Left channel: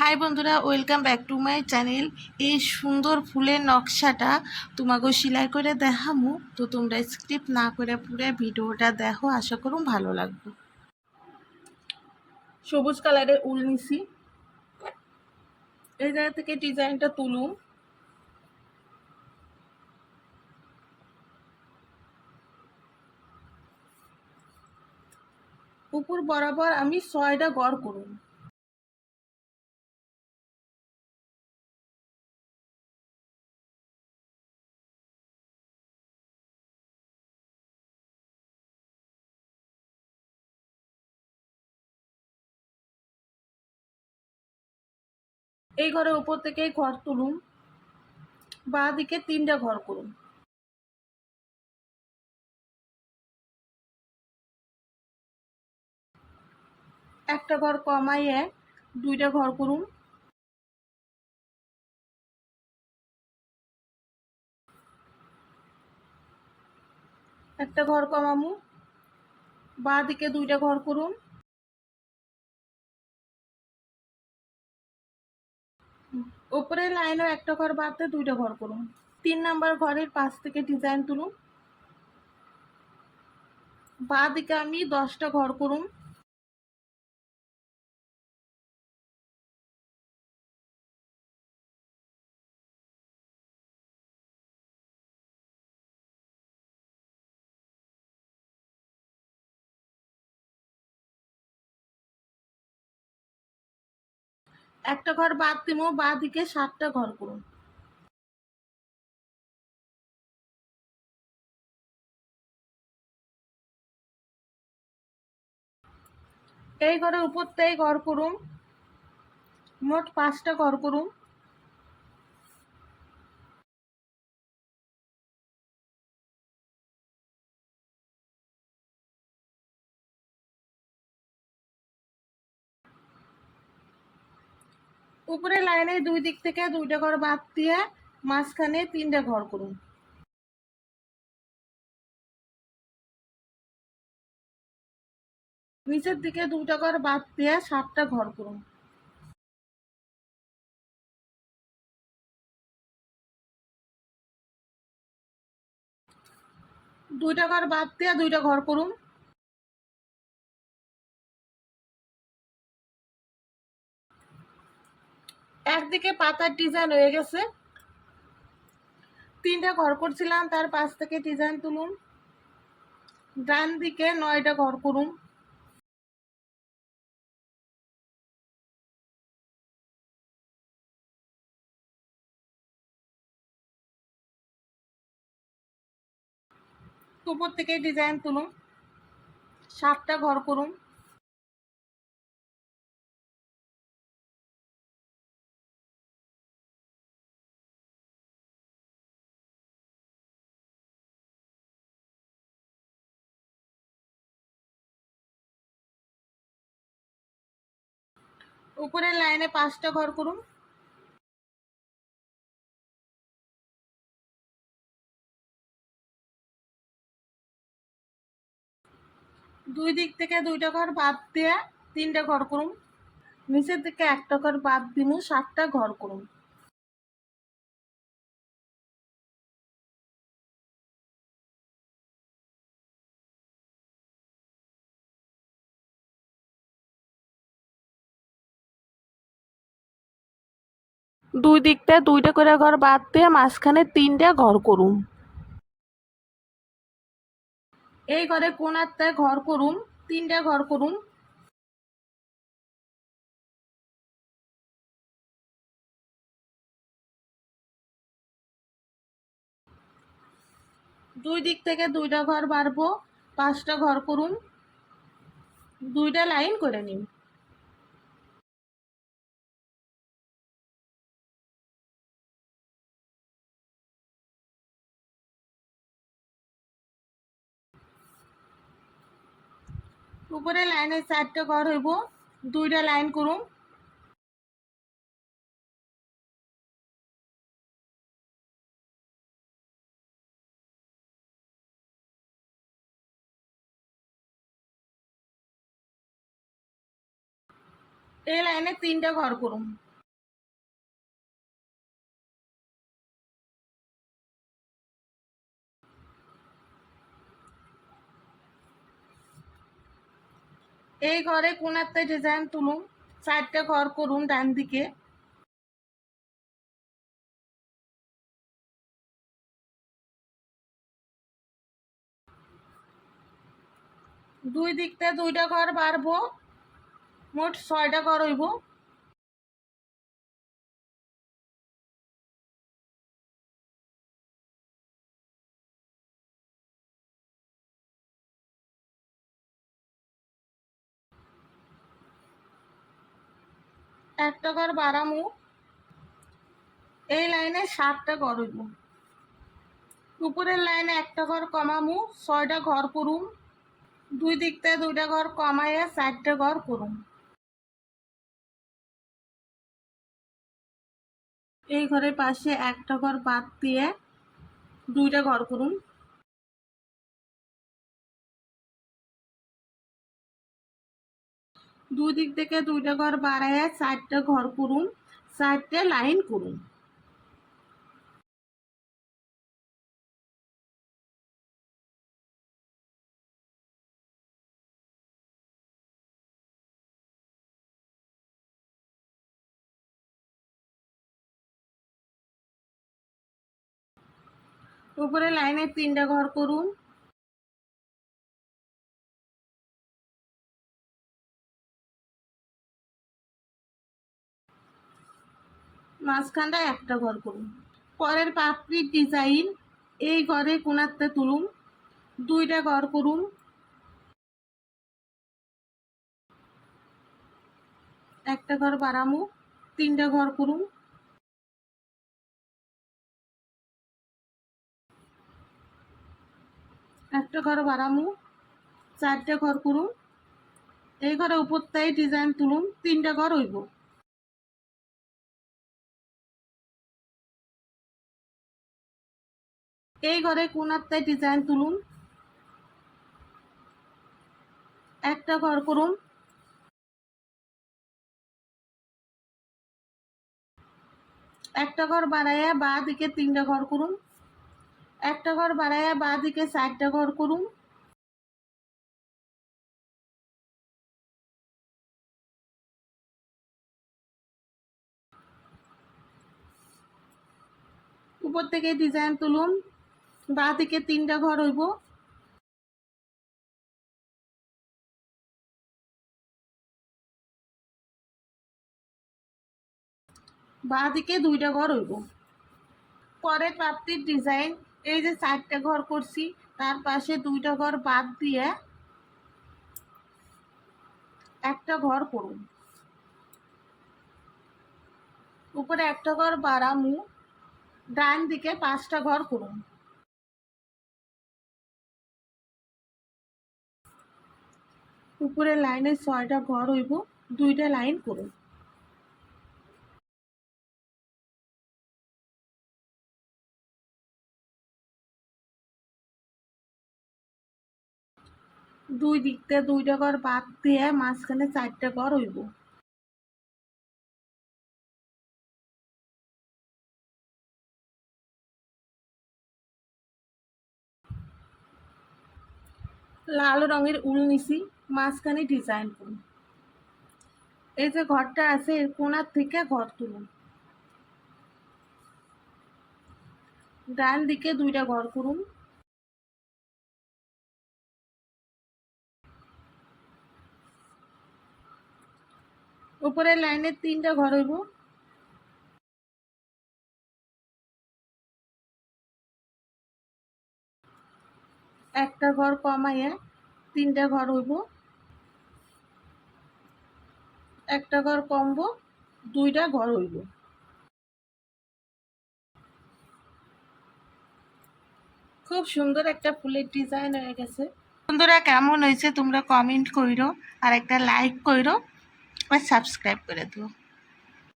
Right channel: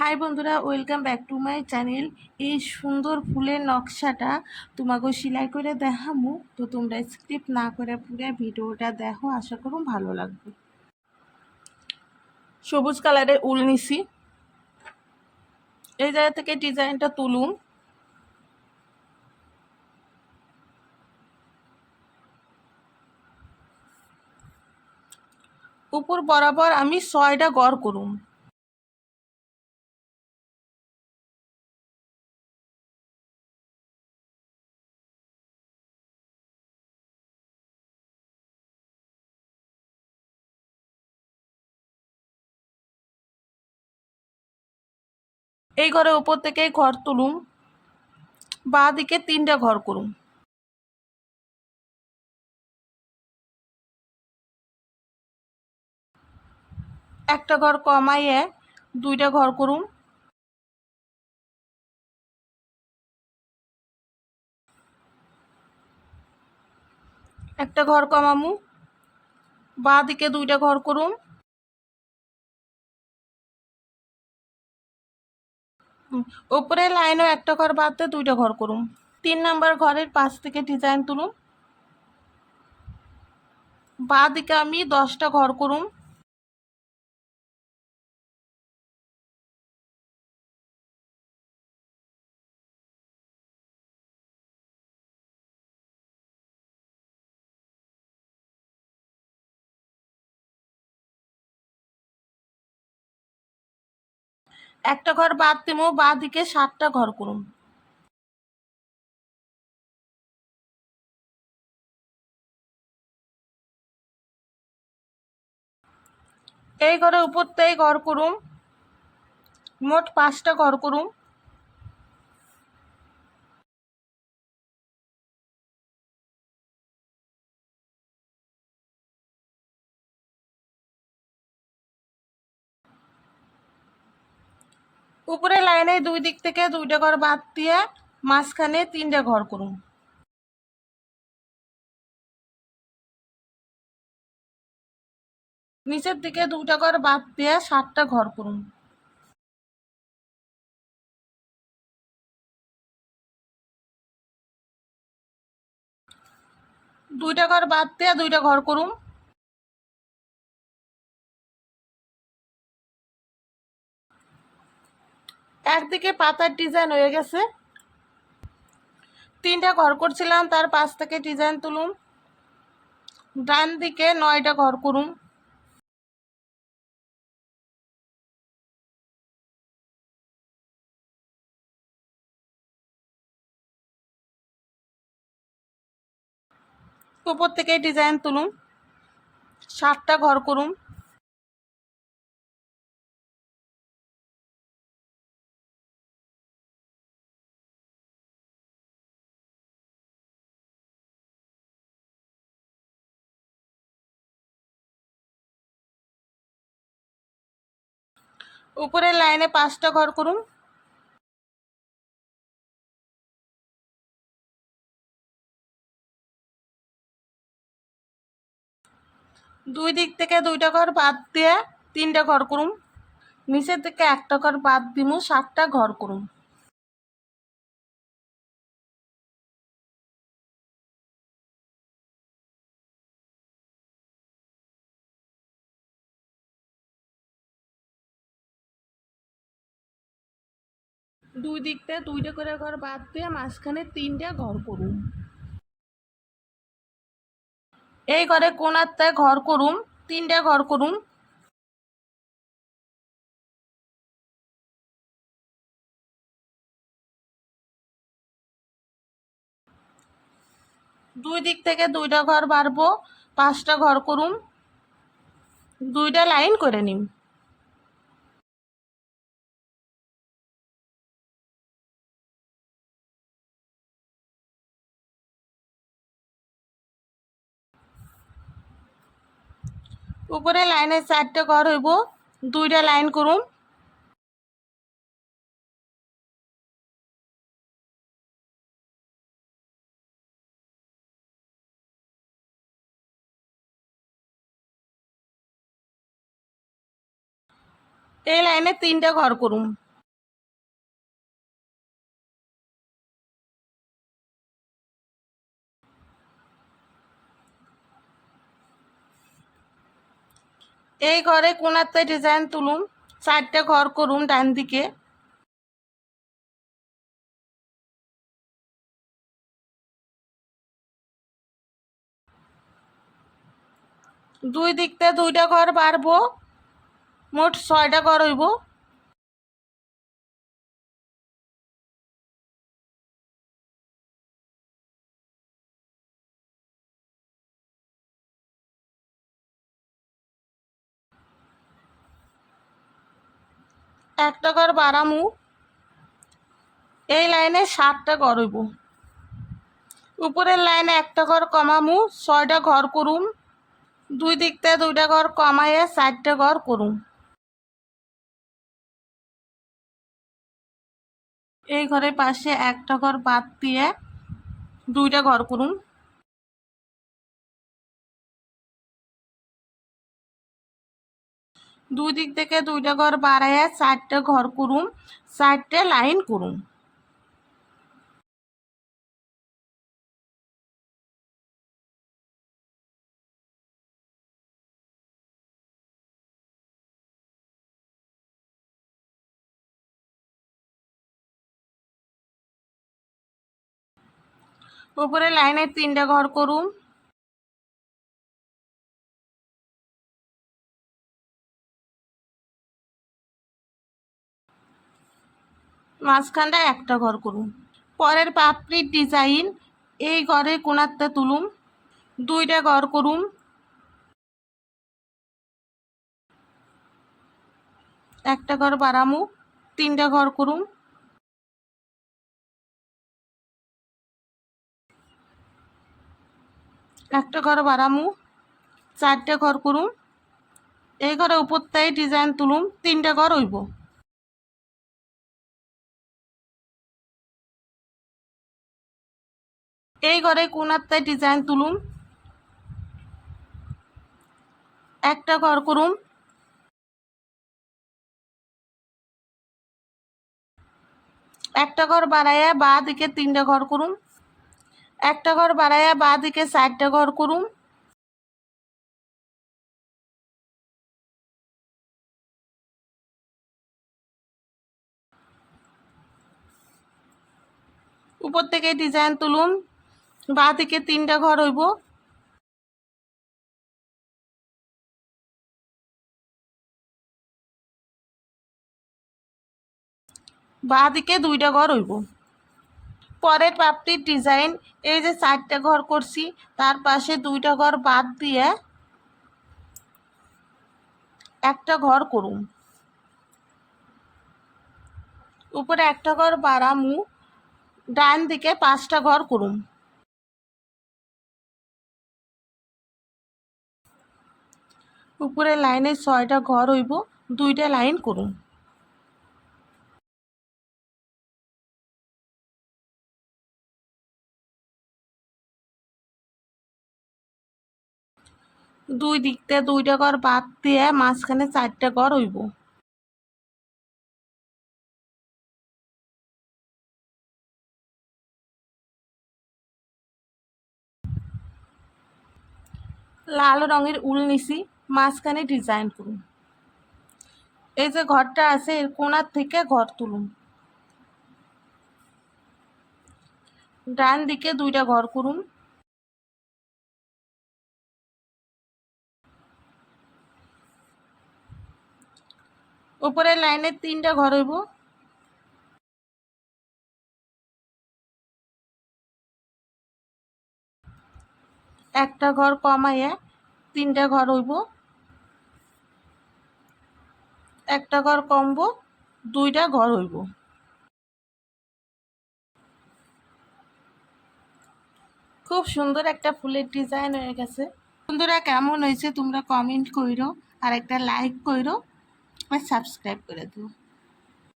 High বন্ধুরা, welcome back to my channel. এই সুন্দর ফুলের নকশাটা তোমাকে সেলাই করে দেখামু, তো তোমরা স্ক্রিপ্ট না করে পুরো ভিডিওটা দেখো, আশা করুন ভালো লাগবে। সবুজ কালারের উল নিছি, এই জায়গা থেকে ডিজাইনটা তুলুন। উপর বরাবর আমি 6টা গড় করুম। এই ঘরের উপর থেকে ঘর তুলুম, বাঁ দিকে 3টা ঘর করুম। একটা ঘর কমাইয়ে 2টা ঘর করুম। একটা ঘর কমামু, বাঁ দিকে 2টা ঘর করুম। উপরের লাইনও একটা ঘর বাদ দিয়ে 2টা ঘর করুম। 3 নাম্বার ঘরের পাশ থেকে ডিজাইন তুলুম, বাঁ দিকে আমি 10টা ঘর করুম। একটা ঘর বাদ দিমু, বাঁ দিকে 7টা ঘর করুম। এই ঘরের উপর থেকে ঘর করুম, মোট 5টা ঘর করুম। উপরে লাইনে 2 দিক থেকে 2টা ঘর বাদ দিয়ে মাঝখানে 3টা ঘর করুম। নিচের দিকে 2টা ঘর বাদ দিয়ে 7টা ঘর করুম। দুইটা ঘর বাদ দিয়ে 2টা ঘর করুম। একদিকে পাতার ডিজাইন হয়ে গেছে, 3টা ঘর করছিলাম, তার পাশ থেকে ডিজাইন তুলুম। ডান দিকে 9টা ঘর করুম। উপর থেকে ডিজাইন তুলুম, 7টা ঘর করুম। উপরের লাইনে 5টা ঘর করুম। দুই দিক থেকে 2টা ঘর বাদ দিয়ে 3টা ঘর করুম। নিচের দিকে একটা ঘর বাদ দিমু, 7টা ঘর করুম। দুই দিকটা 2টা করে ঘর বাদ দিয়ে মাঝখানে 3টা ঘর করুম। এই ঘরে কোনাতে ঘর করুম, 3টা ঘর করুম। দুই দিক থেকে 2টা ঘর বাড়বো, 5টা ঘর করুম। 2টা লাইন করে নিম। উপরে লাইনে 4টা ঘর হইব, 2টা লাইন করুম। এই লাইনে 3টা ঘর করুম। এই ঘরে কোনাতে ডিজাইন তুলুম, 4টা ঘর করুম ডান দিকে। দুই দিকতে 2টা ঘর বাড়বো, মোট 6টা ঘর হইব। একটা ঘর বাড়ামু, এই লাইনে 7টা ঘর হইব। উপরের লাইনে একটা ঘর কমামু, 6টা ঘর করুম। দুই দিকতে 2টা ঘর কমাইয়ে 4টা ঘর করুম। এই ঘরের পাশে একটা ঘর বাদ দিয়ে 2টা ঘর করুম। দুই দিক থেকে 2টা ঘর বাড়াইয়া 4টা ঘর করুম, 4টে লাইন করুম। উপরে লাইনে 3টা ঘর করুম। মাঝখানটা একটা ঘর করুম। পরের পাপড়ির ডিজাইন এই ঘরে কোনাতে তুলুম, 2টা ঘর করুম। একটা ঘর বাড়ামু, 3টা ঘর করুম। একটা ঘর বাড়ামু, 4টে ঘর করুম। এই ঘরে উপরটাই ডিজাইন তুলুম, 3টা ঘর হইব। এই ঘরে কোনাতে ডিজাইন তুলুম, একটা ঘর করুম। একটা ঘর বাড়াইয়া বা দিকে 3টা ঘর করুম। একটা ঘর বাড়াইয়া বা দিকে 4টা ঘর করুম। উপর থেকে ডিজাইন তুলুম, বা দিকে 3টা ঘর হইব। বা দিকে 2টা ঘর হইব। পরের পাপড়ির ডিজাইন এই যে 4টে ঘর করছি, তার পাশে 2টা ঘর বাদ দিয়ে একটা ঘর করুম। উপরে একটা ঘর বাড়ামু, ডান দিকে 5টা ঘর করুম। উপরে লাইনে 6টা ঘর হইব, 2টা লাইন করুম। দুই দিকতে 2টা ঘর বাদ দিয়ে মাঝখানে 4টা ঘর হইব। লাল রঙের উল নিছি, মাঝখানে ডিজাইন করুন। এই যে ঘরটা আছে এর কোণার থেকে ঘর তুলুন। ডান দিকে 2টা ঘর করুন। উপরের লাইনে 3টা ঘর হইব। একটা ঘর কমাইয়া 3টা ঘর হইব। একটা ঘর কমবো, 2টা ঘর হইব। খুব সুন্দর একটা ফুলের ডিজাইন হয়ে গেছে। বন্ধুরা কেমন হয়েছে তোমরা কমেন্ট কইরো, আর একটা লাইক কইরো, আর সাবস্ক্রাইব করে দিও।